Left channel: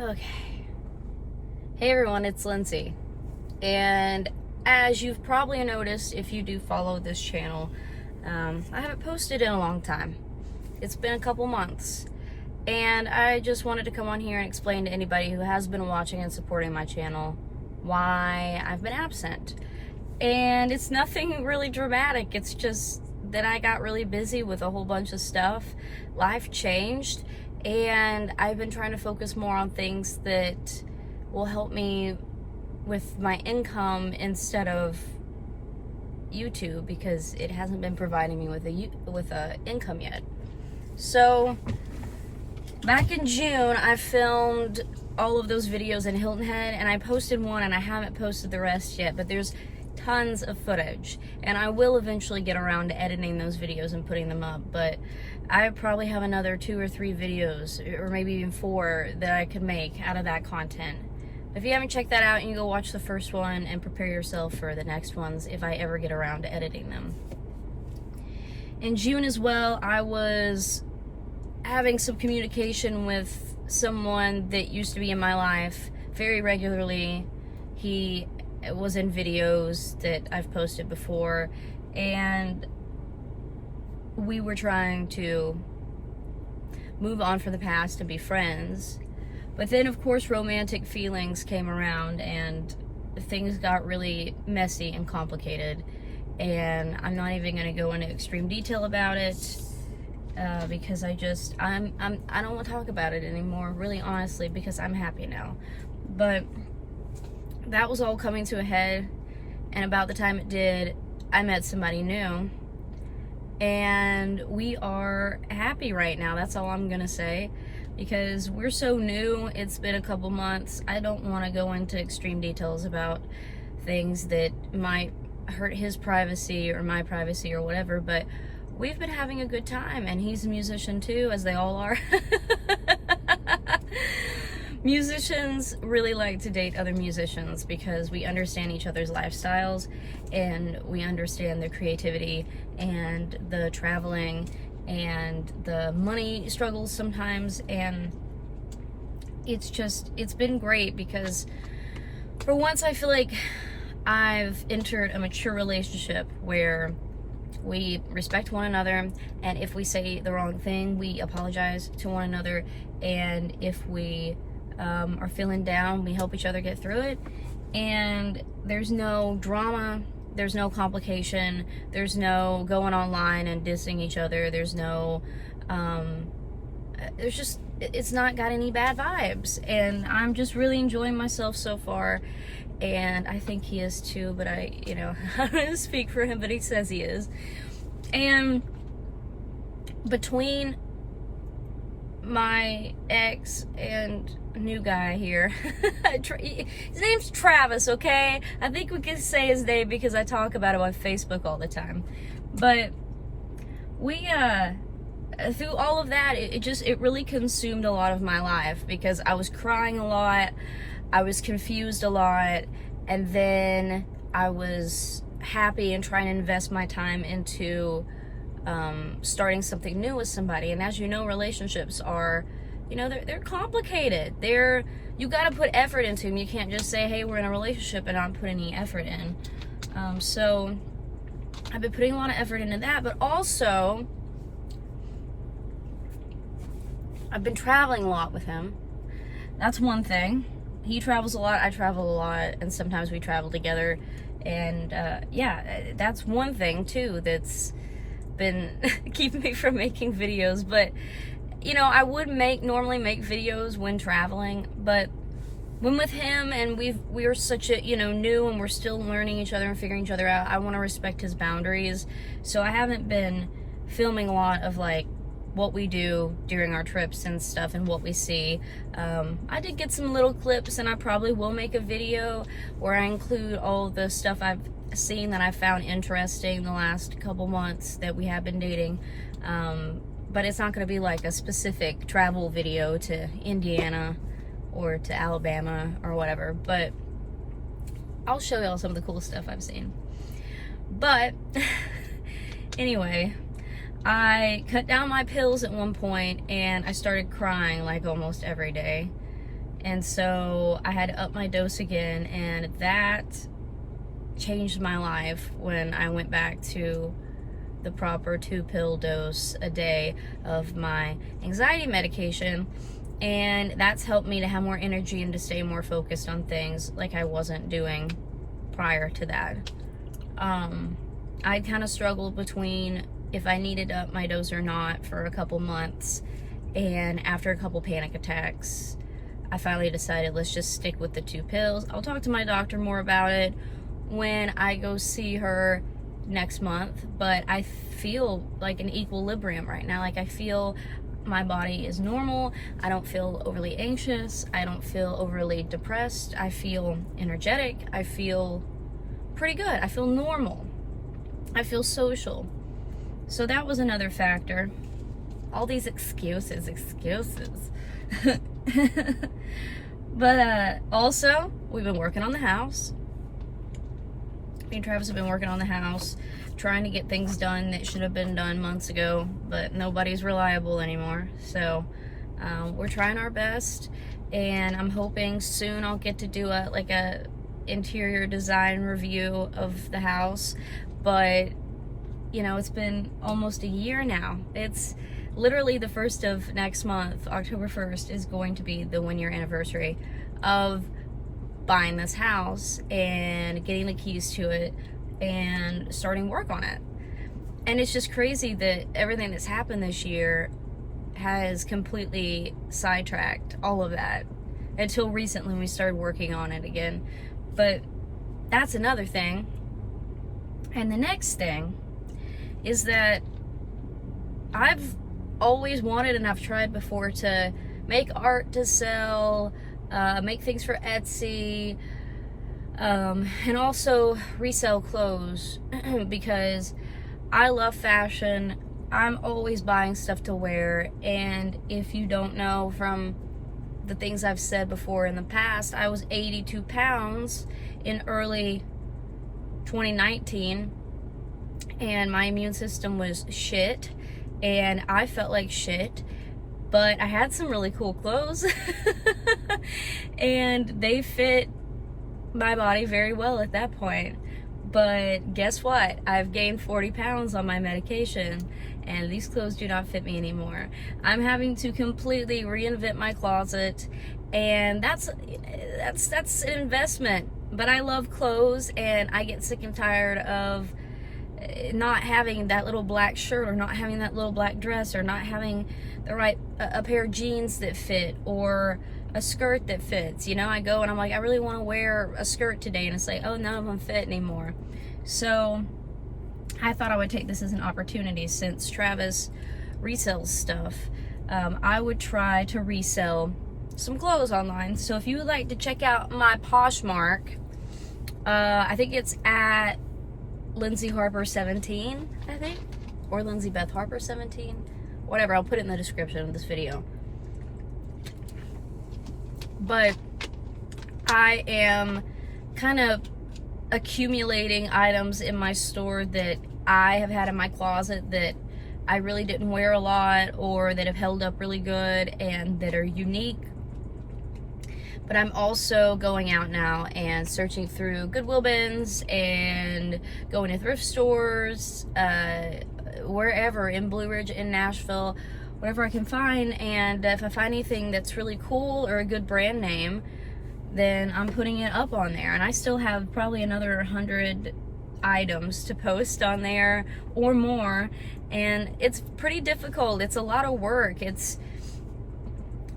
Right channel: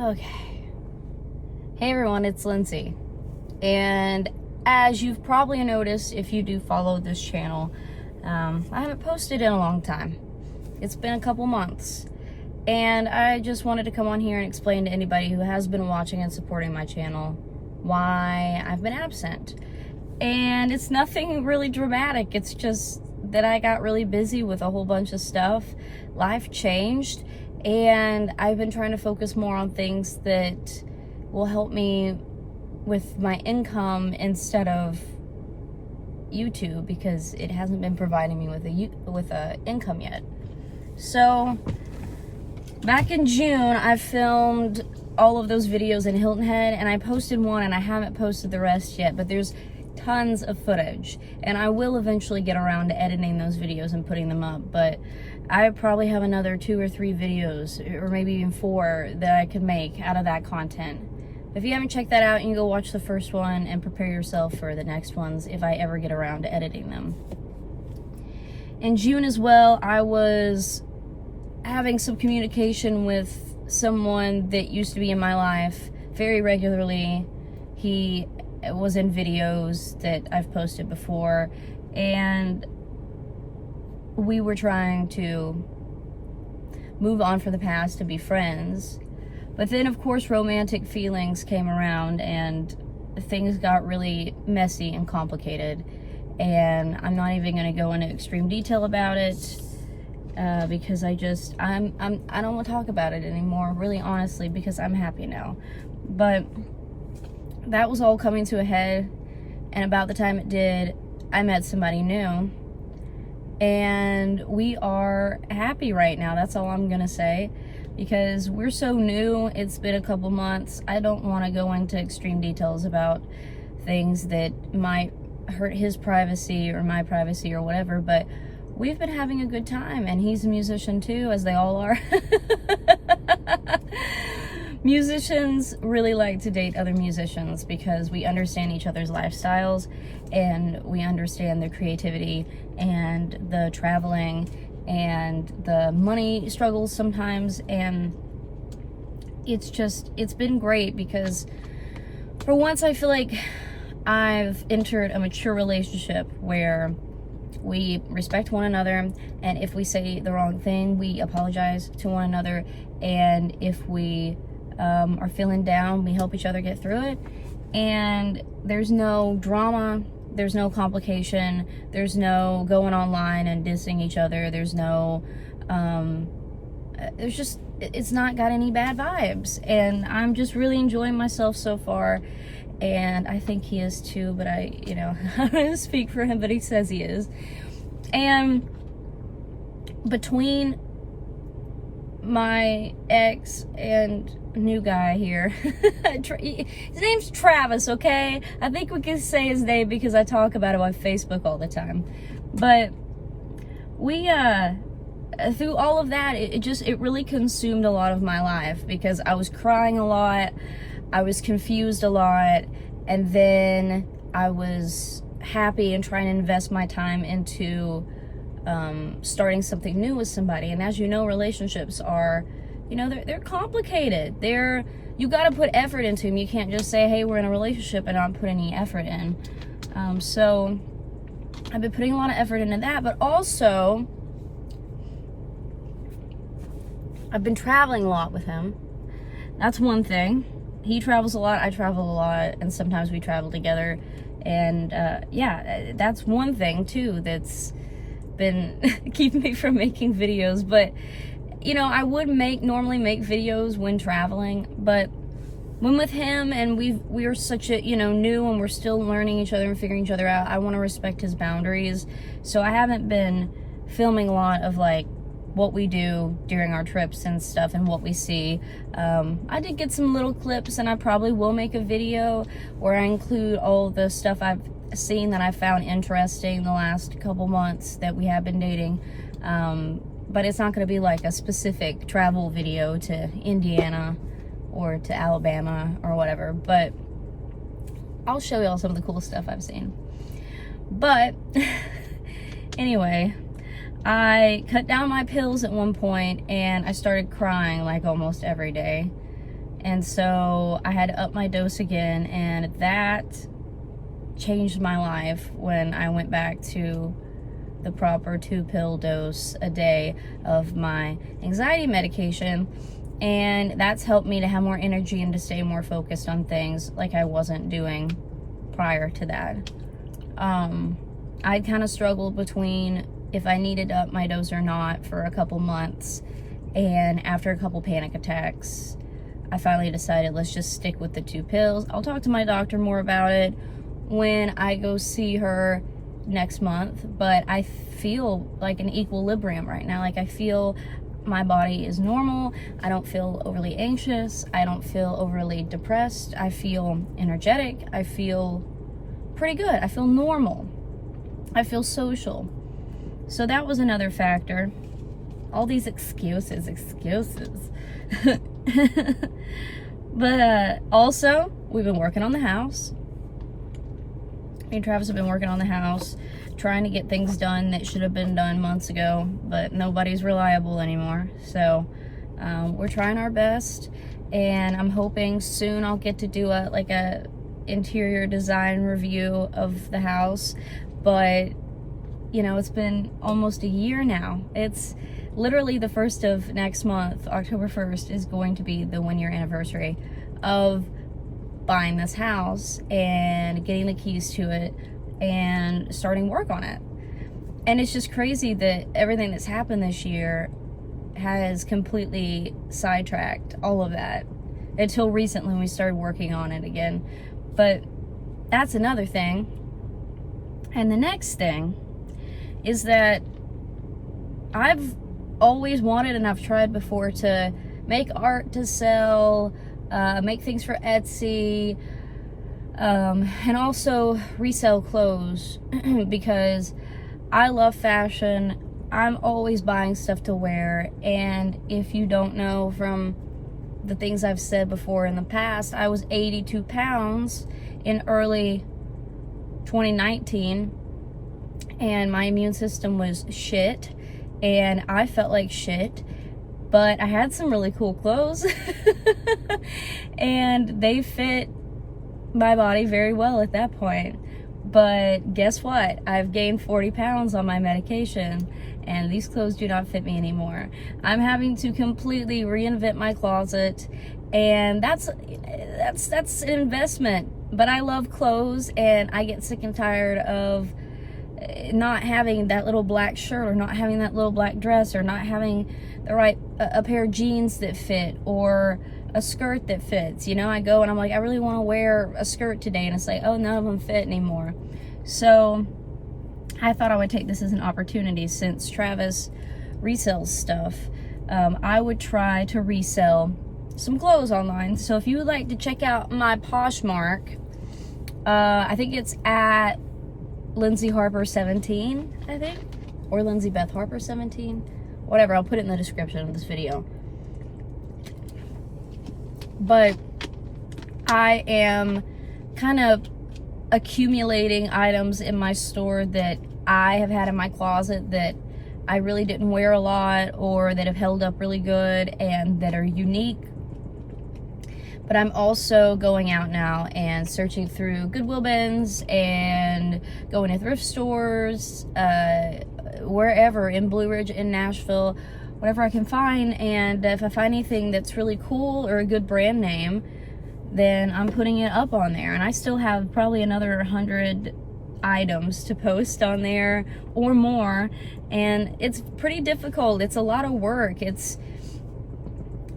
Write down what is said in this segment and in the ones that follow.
Okay. Hey everyone, it's Lindsay. And as you've probably noticed, if you do follow this channel, I haven't posted in a long time. It's been a couple months. And I just wanted to come on here and explain to anybody who has been watching and supporting my channel why I've been absent. And it's nothing really dramatic. It's just that I got really busy with a whole bunch of stuff. Life changed. And I've been trying to focus more on things that will help me with my income instead of YouTube, because it hasn't been providing me with a income yet. So back in June, I filmed all of those videos in Hilton Head, and I posted one, and I haven't posted the rest yet, but there's tons of footage, and I will eventually get around to editing those videos and putting them up. But I probably have another 2 or 3 videos, or maybe even 4, that I could make out of that content. If you haven't checked that out, you can go watch the first one and prepare yourself for the next ones if I ever get around to editing them. In June as well, I was having some communication with someone that used to be in my life very regularly. He was in videos that I've posted before, and we were trying to move on from the past to be friends. But then, of course, romantic feelings came around, and things got really messy and complicated. And I'm not even going to go into extreme detail about it, because I don't want to talk about it anymore, really honestly, because I'm happy now. But that was all coming to a head, and about the time it did, I met somebody new, and we are happy right now. That's all I'm gonna say, because we're so new. It's been a couple months. I don't want to go into extreme details about things that might hurt his privacy or my privacy or whatever, but we've been having a good time, and he's a musician too, as they all are. Musicians really like to date other musicians because we understand each other's lifestyles, and we understand their creativity and the traveling and the money struggles sometimes. And it's been great, because for once I feel like I've entered a mature relationship where we respect one another, and if we say the wrong thing, we apologize to one another, and if we are feeling down, we help each other get through it. And there's no drama, there's no complication, there's no going online and dissing each other, there's no it's not got any bad vibes, and I'm just really enjoying myself so far. And I think he is too, but I don't speak for him, but he says he is. And between my ex and new guy here, his name's Travis, okay? I think we can say his name because I talk about him on Facebook all the time. But we, through all of that, it really consumed a lot of my life, because I was crying a lot, I was confused a lot, and then I was happy and trying to invest my time into starting something new with somebody. And as you know, relationships are, they're complicated. You got to put effort into them. You can't just say, hey, we're in a relationship, and not put any effort in. So I've been putting a lot of effort into that, but also I've been traveling a lot with him. That's one thing. He travels a lot, I travel a lot, and sometimes we travel together. And yeah, that's one thing too that's been keeping me from making videos. But I would normally make videos when traveling, but when with him, and we are such a new, and we're still learning each other and figuring each other out, I want to respect his boundaries. So I haven't been filming a lot of like what we do during our trips and stuff, and what we see. I did get some little clips, and I probably will make a video where I include all the stuff I've seen that I found interesting the last couple months that we have been dating. But it's not going to be like a specific travel video to Indiana or to Alabama or whatever, but I'll show y'all some of the cool stuff I've seen. But anyway, I cut down my pills at one point, and I started crying like almost every day. And so I had to up my dose again, and that changed my life when I went back to the proper 2-pill dose a day of my anxiety medication. And that's helped me to have more energy and to stay more focused on things like I wasn't doing prior to that. I kind of struggled between if I needed to up my dose or not for a couple months. And after a couple panic attacks, I finally decided, let's just stick with the 2 pills. I'll talk to my doctor more about it when I go see her next month, but I feel like an equilibrium right now. Like, I feel my body is normal. I don't feel overly anxious. I don't feel overly depressed. I feel energetic. I feel pretty good. I feel normal. I feel social. So that was another factor. All these excuses. But also, we've been working on the house. Me and Travis have been working on the house, trying to get things done that should have been done months ago, but nobody's reliable anymore. So we're trying our best, and I'm hoping soon I'll get to do a interior design review of the house. But you know, it's been almost a year now. It's literally the 1st of next month, October 1st, is going to be the 1-year anniversary of buying this house and getting the keys to it and starting work on it. And it's just crazy that everything that's happened this year has completely sidetracked all of that until recently when we started working on it again. But that's another thing. And the next thing is that I've always wanted, and I've tried before, to make art to sell, make things for Etsy, and also resell clothes because I love fashion. I'm always buying stuff to wear, and if you don't know from the things I've said before in the past, I was 82 pounds in early 2019, and my immune system was shit, and I felt like shit, but I had some really cool clothes, and they fit my body very well at that point. But guess what? I've gained 40 pounds on my medication, and these clothes do not fit me anymore. I'm having to completely reinvent my closet, and that's an investment. But I love clothes, and I get sick and tired of not having that little black shirt, or not having that little black dress, or not having the right a pair of jeans that fit, or a skirt that fits. You know, I go and I'm like, I really want to wear a skirt today, and it's like, oh, none of them fit anymore. So I thought I would take this as an opportunity, since Travis resells stuff. I would try to resell some clothes online. So if you would like to check out my Poshmark, I think it's at Lindsay Harper 17, I think, or Lindsay Beth Harper 17, whatever. I'll put it in the description of this video. But I am kind of accumulating items in my store that I have had in my closet that I really didn't wear a lot, or that have held up really good and that are unique. But I'm also going out now and searching through Goodwill bins and going to thrift stores, wherever in Blue Ridge, in Nashville, whatever I can find. And if I find anything that's really cool or a good brand name, then I'm putting it up on there. And I still have probably another 100 items to post on there or more. And it's pretty difficult. It's a lot of work. It's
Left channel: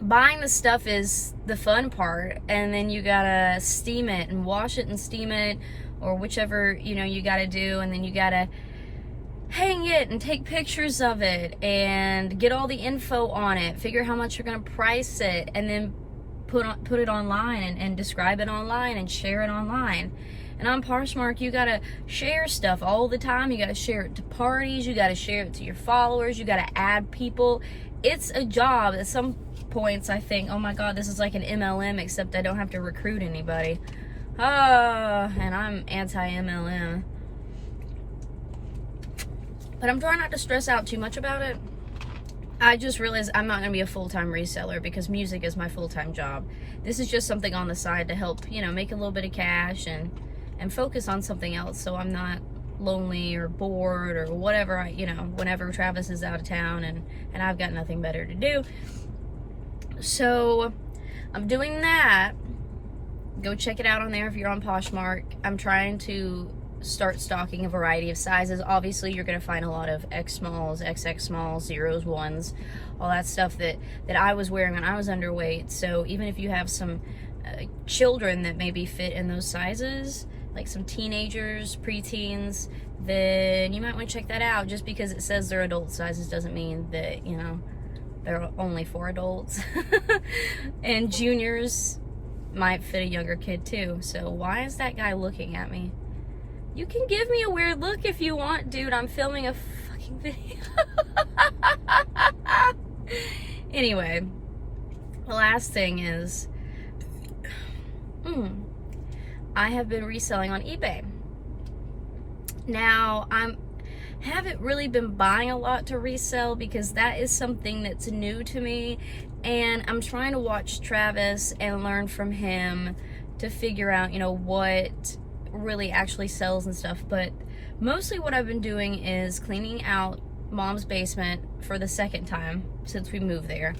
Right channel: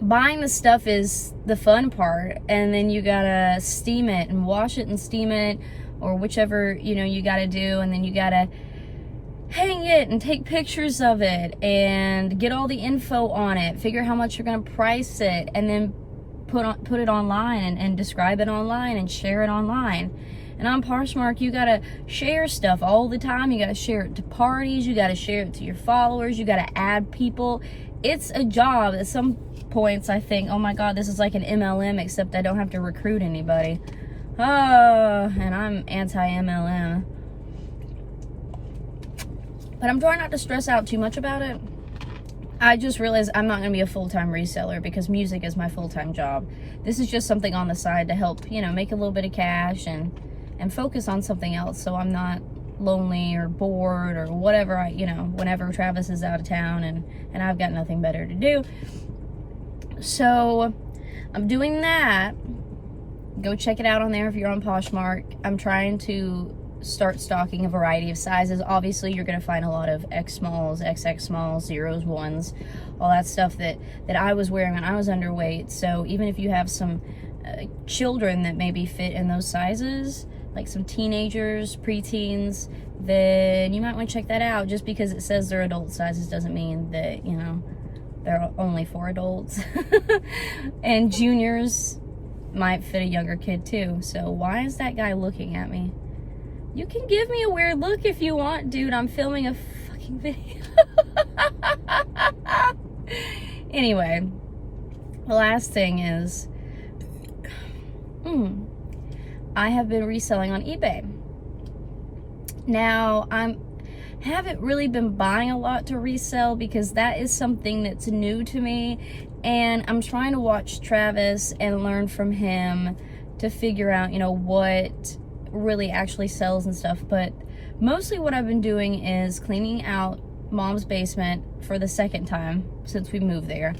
buying the stuff is the fun part, and then you gotta steam it and wash it and steam it, or whichever, you know, you gotta do, and then you gotta hang it and take pictures of it and get all the info on it, figure how much you're gonna price it, and then put it online and describe it online and share it online. And on Poshmark, you gotta share stuff all the time. You gotta share it to parties, you gotta share it to your followers, you gotta add people. It's a job. At some points I think, oh my god, this is like an MLM, except I don't have to recruit anybody. And I'm anti-MLM. But I'm trying not to stress out too much about it. I just realized I'm not going to be a full-time reseller because music is my full-time job. This is just something on the side to help, you know, make a little bit of cash and focus on something else, so I'm not lonely or bored or whatever, you know, whenever Travis is out of town and I've got nothing better to do. So I'm doing that. Go check it out on there if you're on Poshmark. I'm trying to start stocking a variety of sizes. Obviously, you're going to find a lot of X smalls, XX smalls, zeros, ones, all that stuff that I was wearing when I was underweight. So even if you have some children that maybe fit in those sizes, like some teenagers, preteens, then you might want to check that out. Just because it says they're adult sizes doesn't mean that, you know, they're only for adults. And juniors might fit a younger kid too. So why is that guy looking at me? You can give me a weird look if you want, dude. I'm filming a fucking video. Anyway, the last thing is, I have been reselling on eBay. Now, haven't really been buying a lot to resell because that is something that's new to me, and I'm trying to watch Travis and learn from him to figure out, you know, what really actually sells and stuff. But mostly what I've been doing is cleaning out Mom's basement for the second time since we moved there,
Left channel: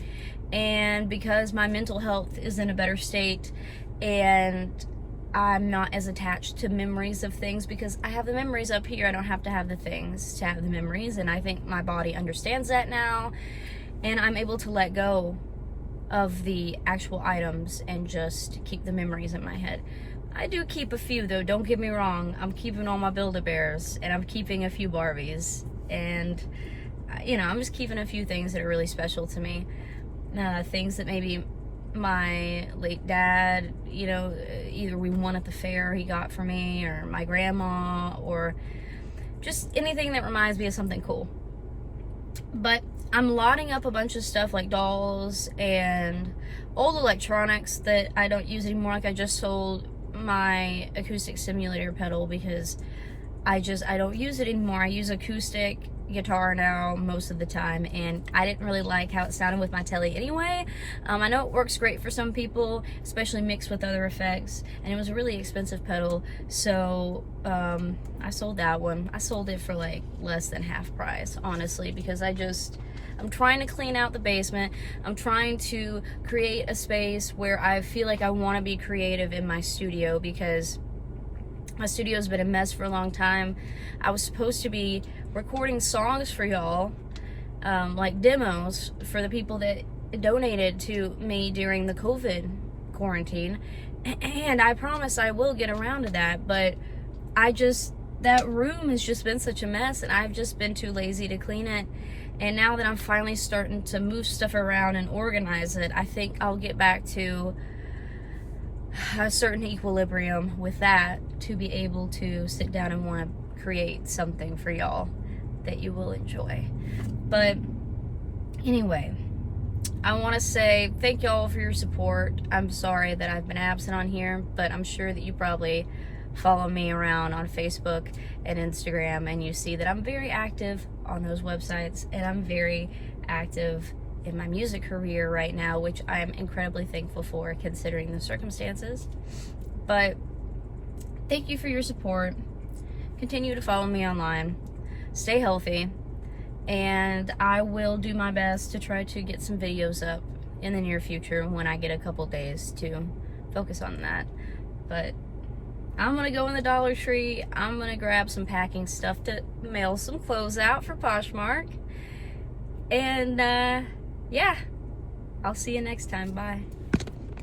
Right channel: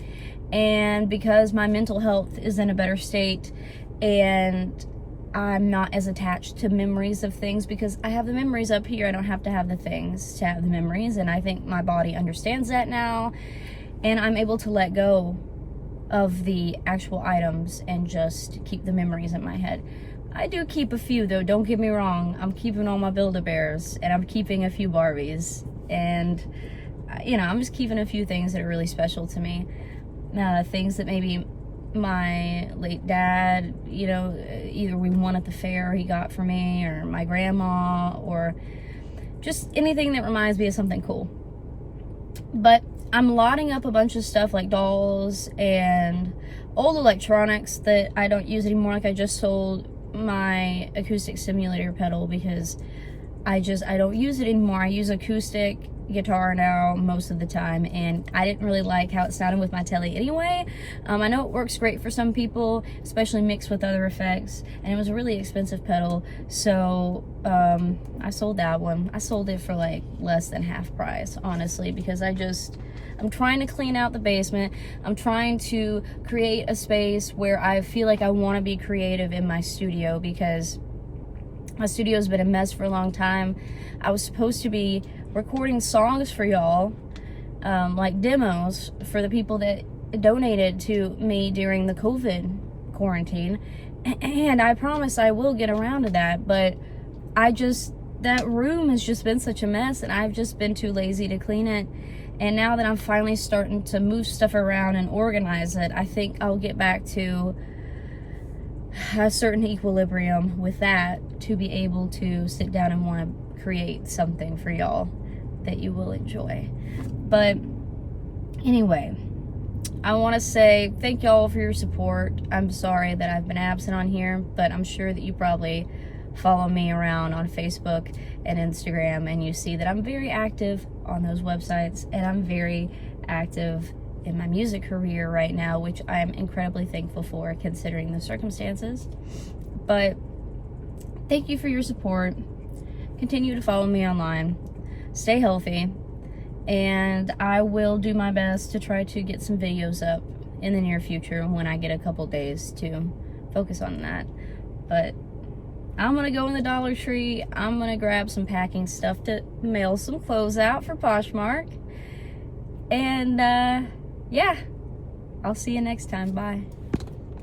and because my mental health is in a better state and I'm not as attached to memories of things, because I have the memories up here. I don't have to have the things to have the memories, and I think my body understands that now, and I'm able to let go of the actual items and just keep the memories in my head. I do keep a few though, don't get me wrong. I'm keeping all my Build-A-Bears, and I'm keeping a few Barbies, and you know, I'm just keeping a few things that are really special to me. Things that maybe my late dad, you know, either we won at the fair he got for me, or my grandma, or just anything that reminds me of something cool. But I'm lotting up a bunch of stuff like dolls and old electronics that I don't use anymore. Like I just sold my acoustic simulator pedal because I don't use it anymore. I use acoustic guitar now most of the time, and I didn't really like how it sounded with my telly anyway. I know it works great for some people, especially mixed with other effects, and it was a really expensive pedal, so I sold that one. I sold it for like less than half price, honestly, because I'm trying to clean out the basement. I'm trying to create a space where I feel like I want to be creative in my studio, because my studio's been a mess for a long time. I was supposed to be recording songs for y'all, like demos for the people that donated to me during the COVID quarantine, and I promise I will get around to that, but that room has just been such a mess, and I've just been too lazy to clean it. And now that I'm finally starting to move stuff around and organize it, I think I'll get back to a certain equilibrium with that to be able to sit down and want to create something for y'all that you will enjoy. But anyway, I want to say thank y'all for your support. I'm sorry that I've been absent on here, but I'm sure that you probably follow me around on Facebook and Instagram, and you see that I'm very active on those websites, and I'm very active in my music career right now, which I'm incredibly thankful for considering the circumstances. But thank you for your support. Continue to follow me online. Stay healthy, and I will do my best to try to get some videos up in the near future when I get a couple days to focus on that. But I'm gonna go in the Dollar Tree. I'm gonna grab some packing stuff to mail some clothes out for Poshmark. And yeah, I'll see you next time. Bye.